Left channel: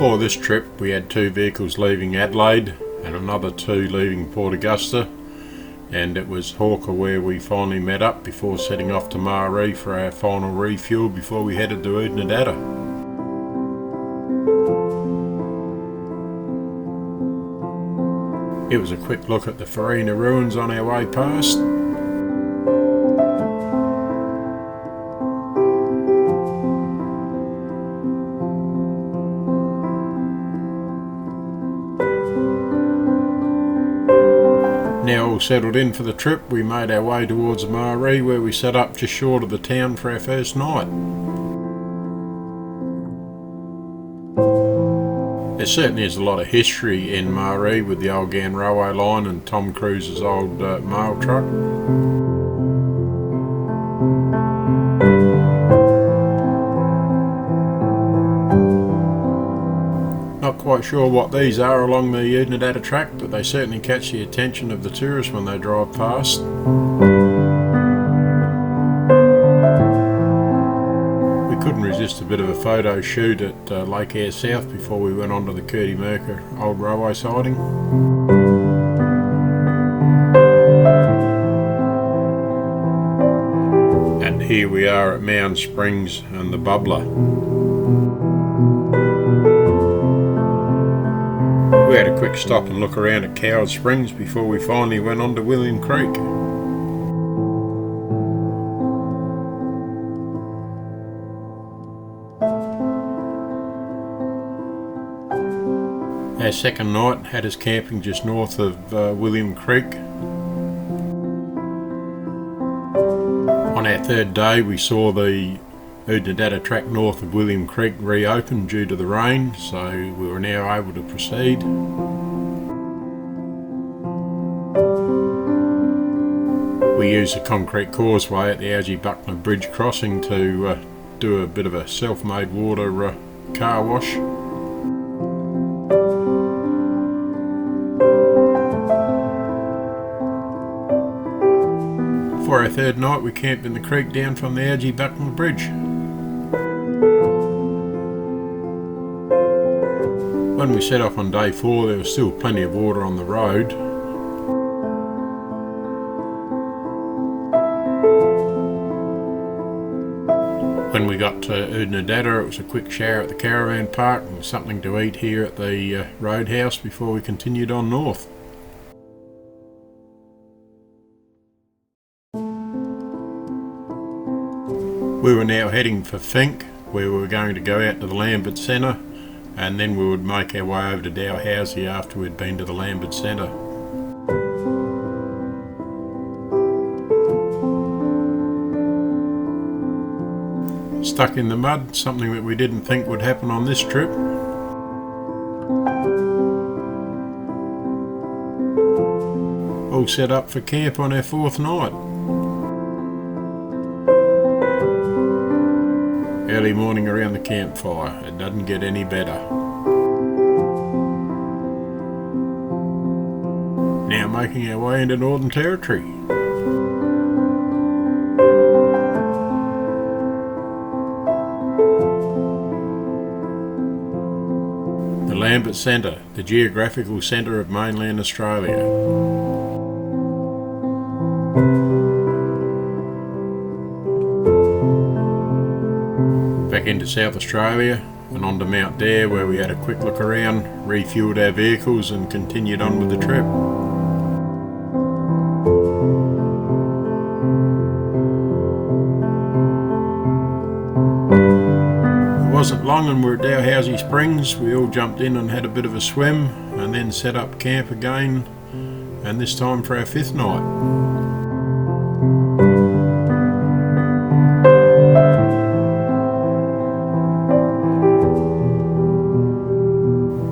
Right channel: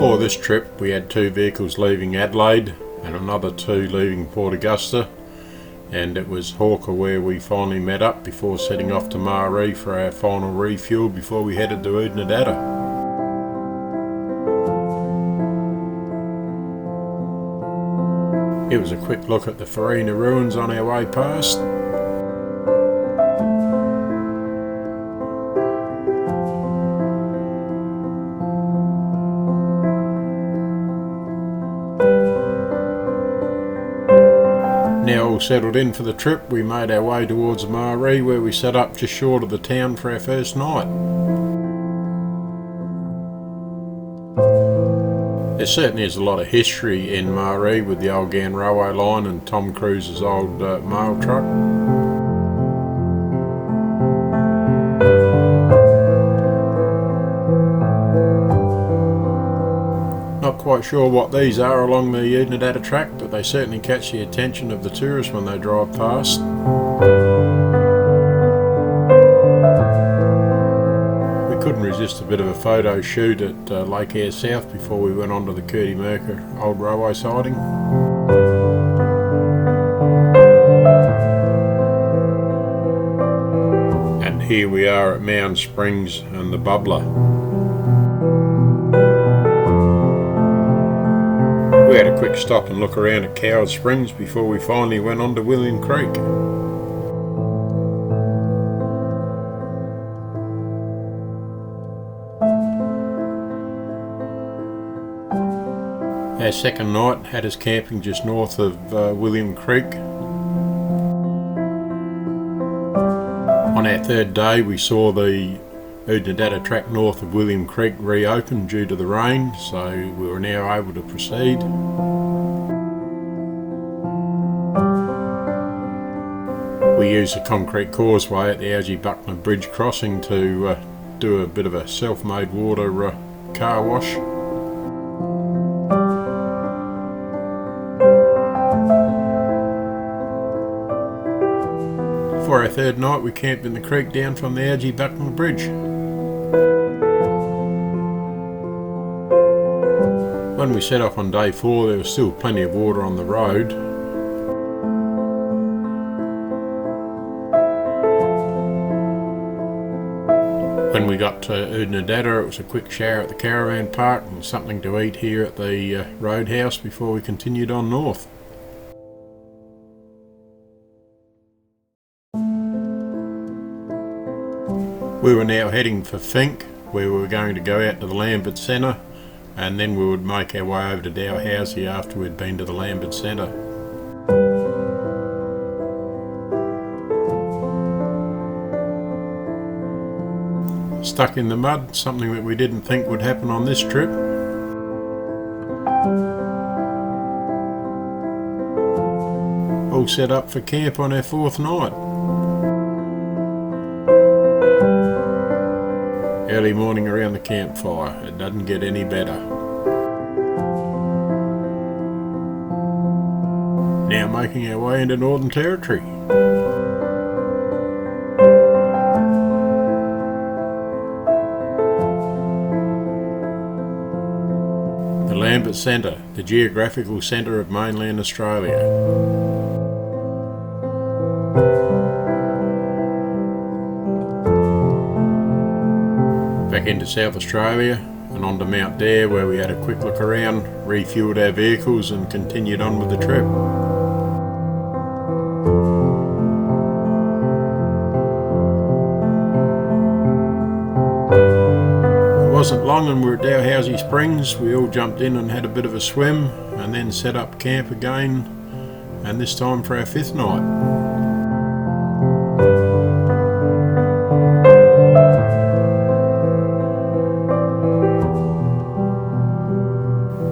For this trip we had 2 vehicles leaving Adelaide and another 2 leaving Port Augusta, and it was Hawker where we finally met up before setting off to Marree for our final refuel before we headed to Oodnadatta. It was a quick look at the Farina ruins on our way past. Now all settled in for the trip, we made our way towards Marree, where we set up just short of the town for our first night. There certainly is a lot of history in Marree with the old Gan railway line and Tom Cruise's old mail truck. Not quite sure what these are along the Oodnadatta Track, but they certainly catch the attention of the tourists when they drive past. We couldn't resist a bit of a photo shoot at Lake Eyre South before we went on to the Innaminka old railway siding. And here we are at Mound Springs and the Bubbler. We had a quick stop and look around at Coward Springs before we finally went on to William Creek. Our second night had us camping just north of William Creek. On our third day we saw the Oodnadatta Track north of William Creek reopened due to the rain, so we were now able to proceed. We used a concrete causeway at the Algie-Buckner Bridge crossing to do a bit of a self-made water car wash. For our third night we camped in the creek down from the Algie-Buckner Bridge. When we set off on day 4 there was still plenty of water on the road. When we got to Oodnadatta it was a quick shower at the caravan park and something to eat here at the roadhouse before we continued on north. We were now heading for Fink, where we were going to go out to the Lambert Centre, and then we would make our way over to Dalhousie after we'd been to the Lambert Centre. Stuck in the mud, something that we didn't think would happen on this trip. All set up for camp on our 4th night. Early morning around the campfire, it doesn't get any better. Now making our way into Northern Territory. The Lambert Centre, the geographical centre of mainland Australia. Back into South Australia and on to Mount Dare, where we had a quick look around, refueled our vehicles and continued on with the trip. It wasn't long and we were at Dalhousie Springs. We all jumped in and had a bit of a swim and then set up camp again, and this time for our 5th night.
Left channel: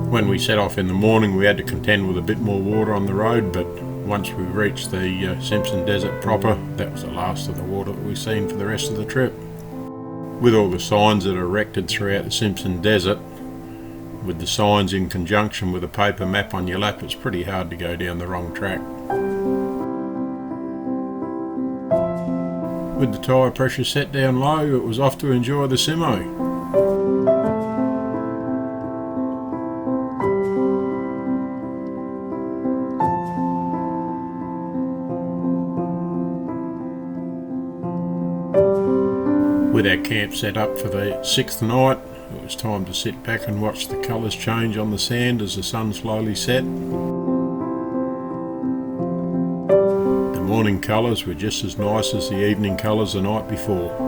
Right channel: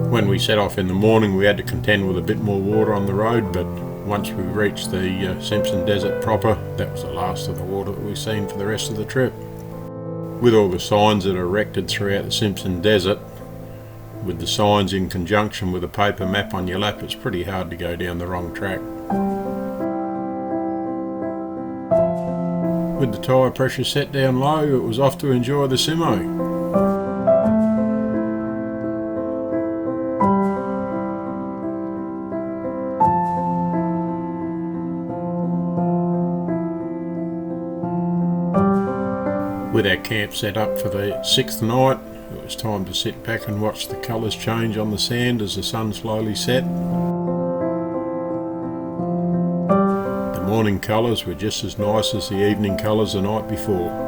When we set off in the morning we had to contend with a bit more water on the road, but once we reached the Simpson Desert proper, that was the last of the water that we've seen for the rest of the trip. With all the signs that are erected throughout the Simpson Desert, with the signs in conjunction with a paper map on your lap, it's pretty hard to go down the wrong track. With the tyre pressure set down low, it was off to enjoy the Simo. With our camp set up for the 6th night, it was time to sit back and watch the colours change on the sand as the sun slowly set. The morning colours were just as nice as the evening colours the night before.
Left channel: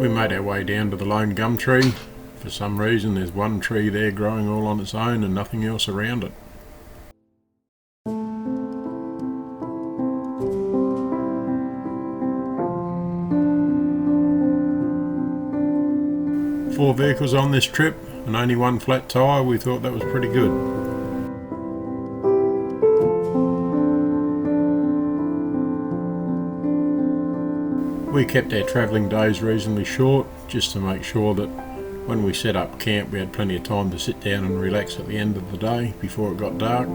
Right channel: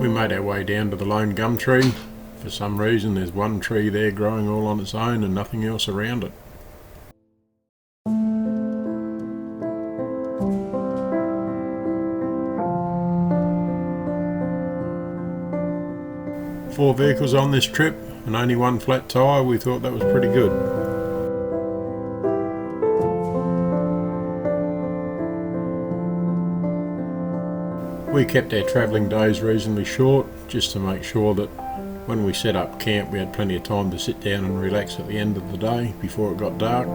We made our way down to the lone gum tree. For some reason there's one tree there growing all on its own and nothing else around it. Four vehicles on this trip and only one flat tyre. We thought that was pretty good. We kept our travelling days reasonably short, just to make sure that when we set up camp we had plenty of time to sit down and relax at the end of the day before it got dark.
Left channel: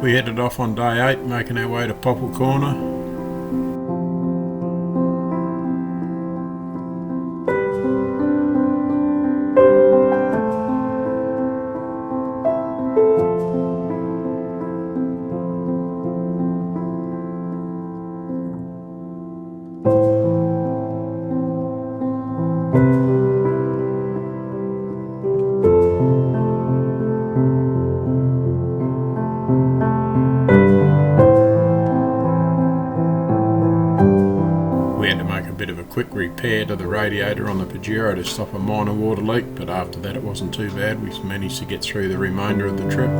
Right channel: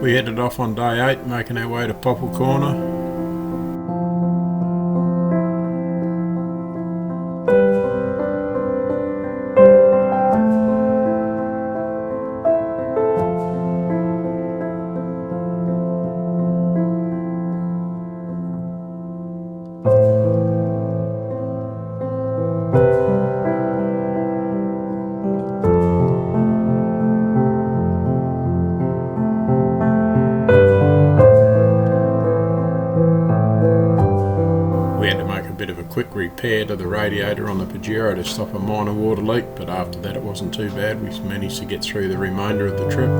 We headed off on day 8, making our way to Poepel Corner. We had to make a bit of a quick repair to the radiator on the Pajero to stop a minor water leak, but after that it wasn't too bad. We managed to get through the remainder of the trip.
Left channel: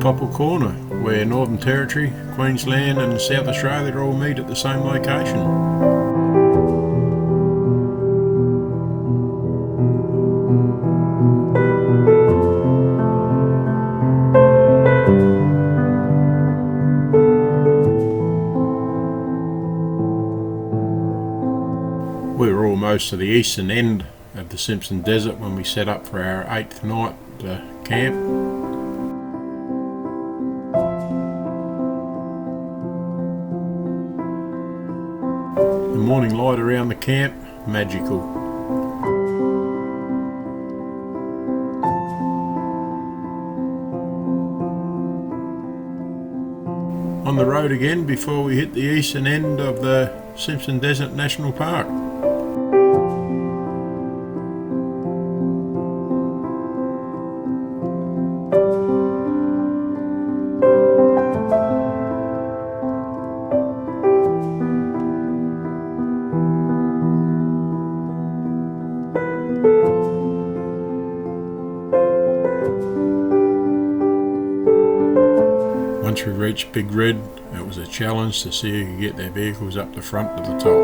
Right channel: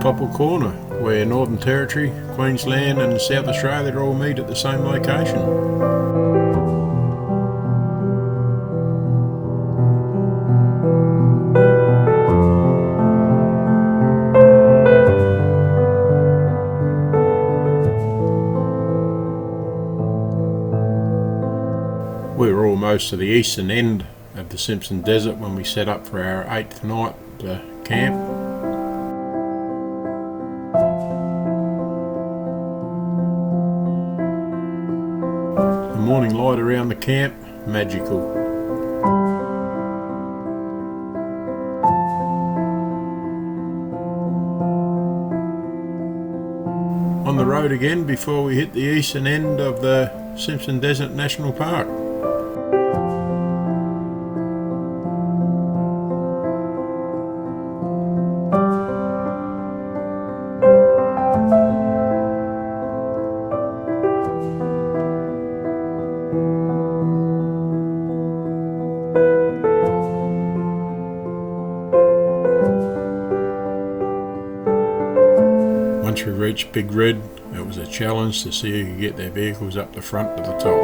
Poepel Corner, where Northern Territory, Queensland and South Australia all meet at the same location. We were almost to the eastern end of the Simpson Desert when we set up for our 8th night camp. The morning light around the camp, magical. On the road again before we hit the eastern end of the Simpson Desert National Park. Once we reached Big Red, it was a challenge to see who could get their vehicles up the front to the top.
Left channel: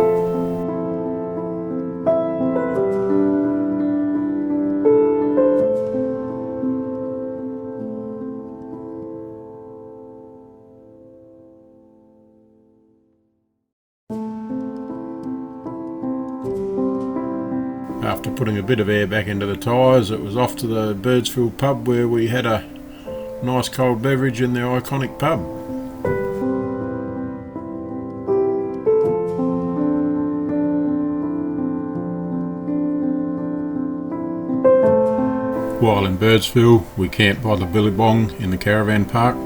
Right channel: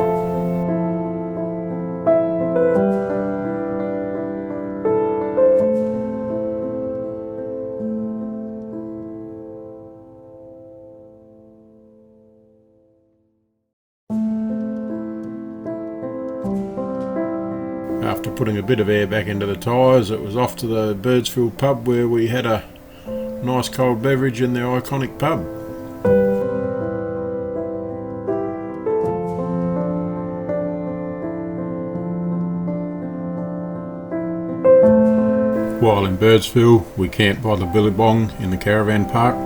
After putting a bit of air back into the tyres, it was off to the Birdsville pub where we had a nice cold beverage in the iconic pub. While in Birdsville, we camped by the Billabong in the caravan park.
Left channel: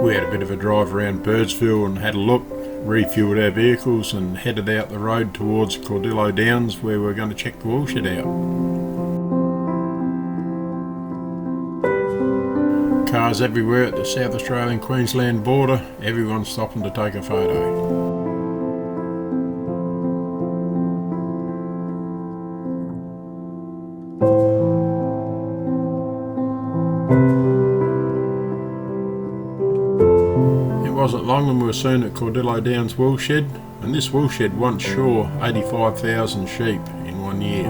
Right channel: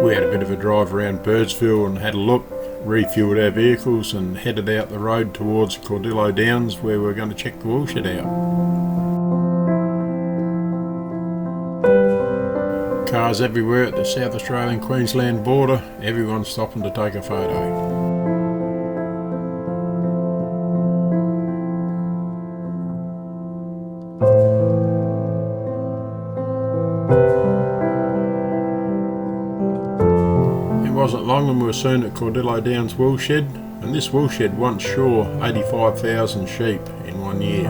We had a bit of a drive around Birdsville and had a look, refueled our vehicles and headed out the road towards Cordillo Downs where we were going to check the woolshed out. Cars everywhere at the South Australian-Queensland border, everyone stopping to take a photo. It wasn't long and we were soon at Cordillo Downs woolshed, and this woolshed once saw 85,000 sheep in in 1 year.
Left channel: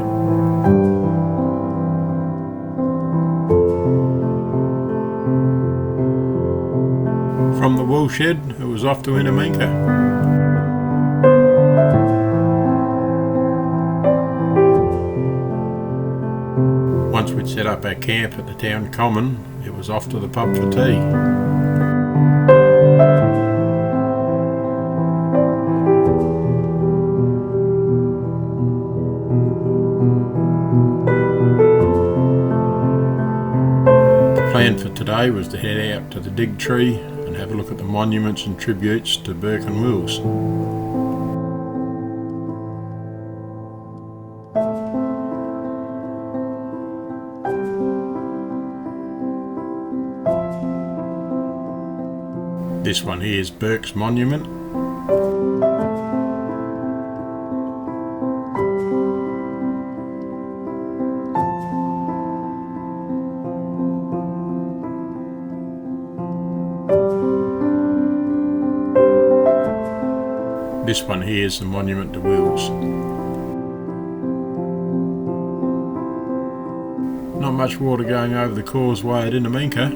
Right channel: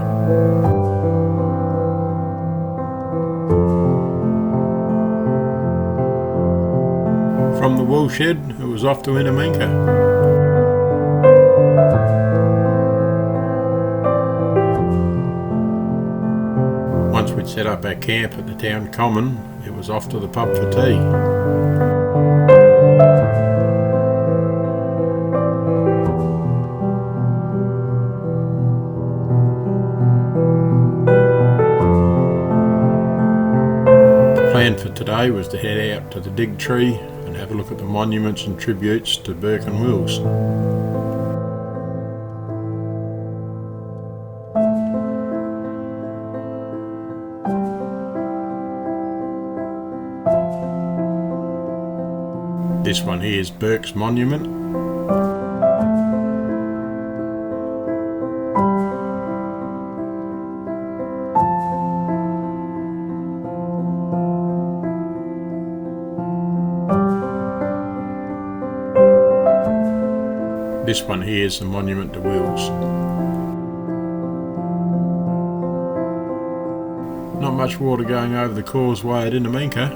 From the wool shed, it was off to Innaminka. Once we'd set up our camp at the town common, it was off to the pub for tea. The plan for today was to head out to the Dig Tree and have a look at the monuments and tributes to Burke and Wills. This one here is Burke's monument. This one here is the monument to Wills. Not much water going over the causeway at Innaminka.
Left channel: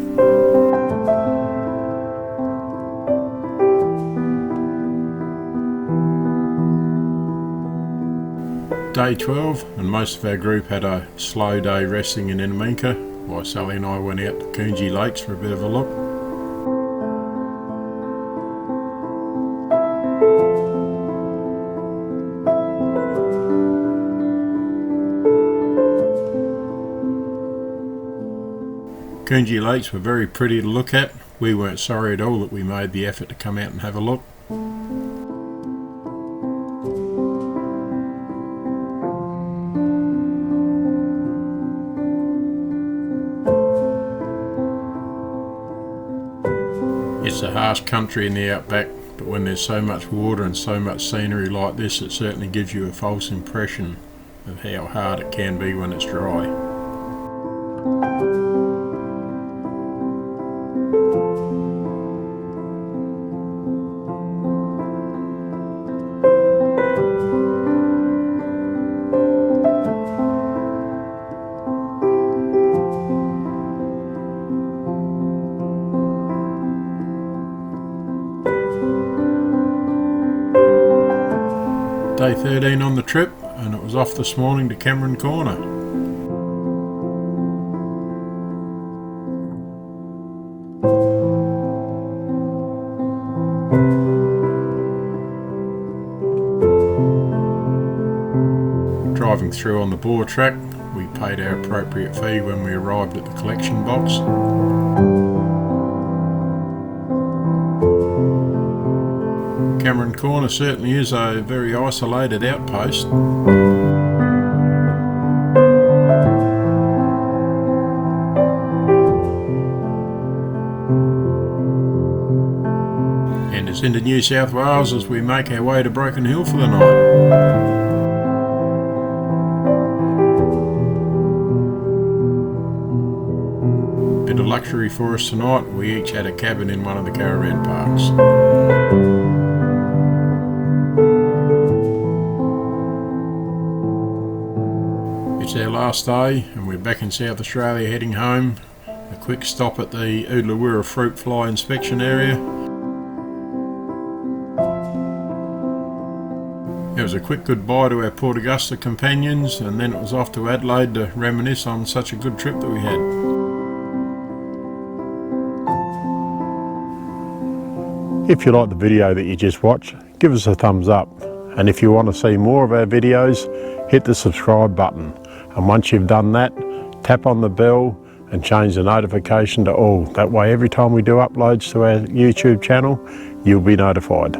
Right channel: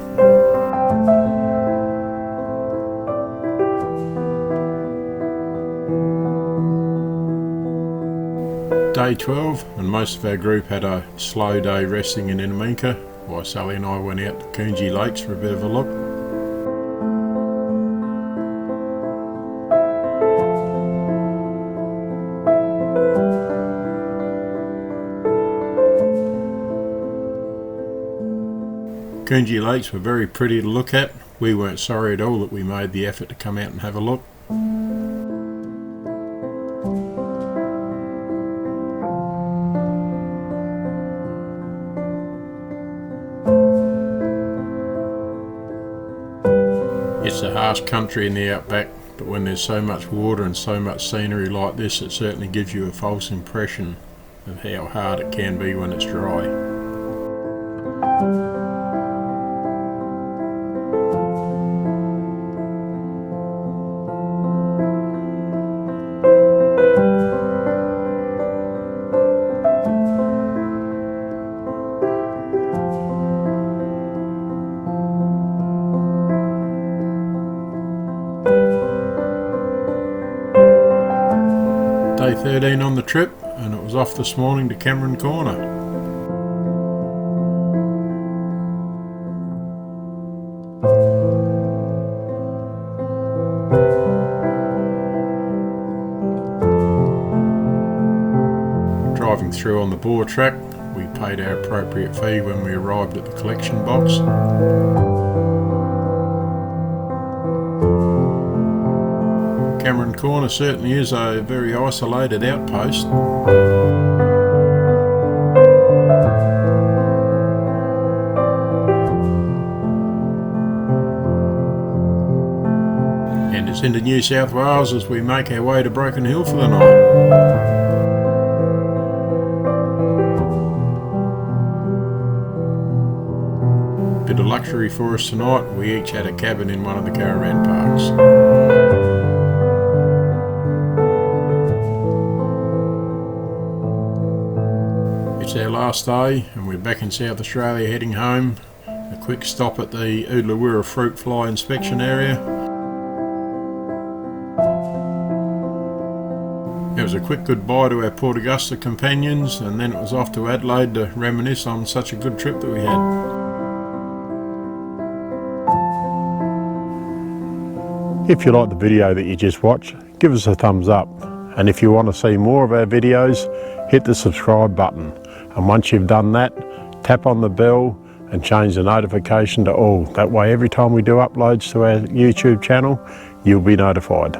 Day 12, and most of our group had a slow day resting in Innaminka, while Sally and I went out to Coongie Lakes for a bit of a look. Coongie Lakes were very pretty to look at. We weren't sorry at all that we made the effort to come out and have a look. It's a harsh country in the outback, but when there's so much water and so much scenery like this, it certainly gives you a false impression of how hard it can be when it's dry. Day 13 on the trip, and it was off this morning to Cameron Corner. Driving through on the boar track, we paid our appropriate fee when we arrived at the collection box. Cameron Corner certainly is a very isolated outpost. And it's into New South Wales as we make our way to Broken Hill for the night. Bit of luxury for us tonight, we each had a cabin in one of the caravan parks. It's our last day and we're back in South Australia heading home. A quick stop at the Oodnadatta fruit fly inspection area. It was a quick goodbye to our Port Augusta companions, and then it was off to Adelaide to reminisce on such a good trip that we had. If you like the video that you just watched, give us a thumbs up. And if you want to see more of our videos, hit the subscribe button. And once you've done that, tap on the bell and change the notification to all. That way every time we do uploads to our YouTube channel, you'll be notified.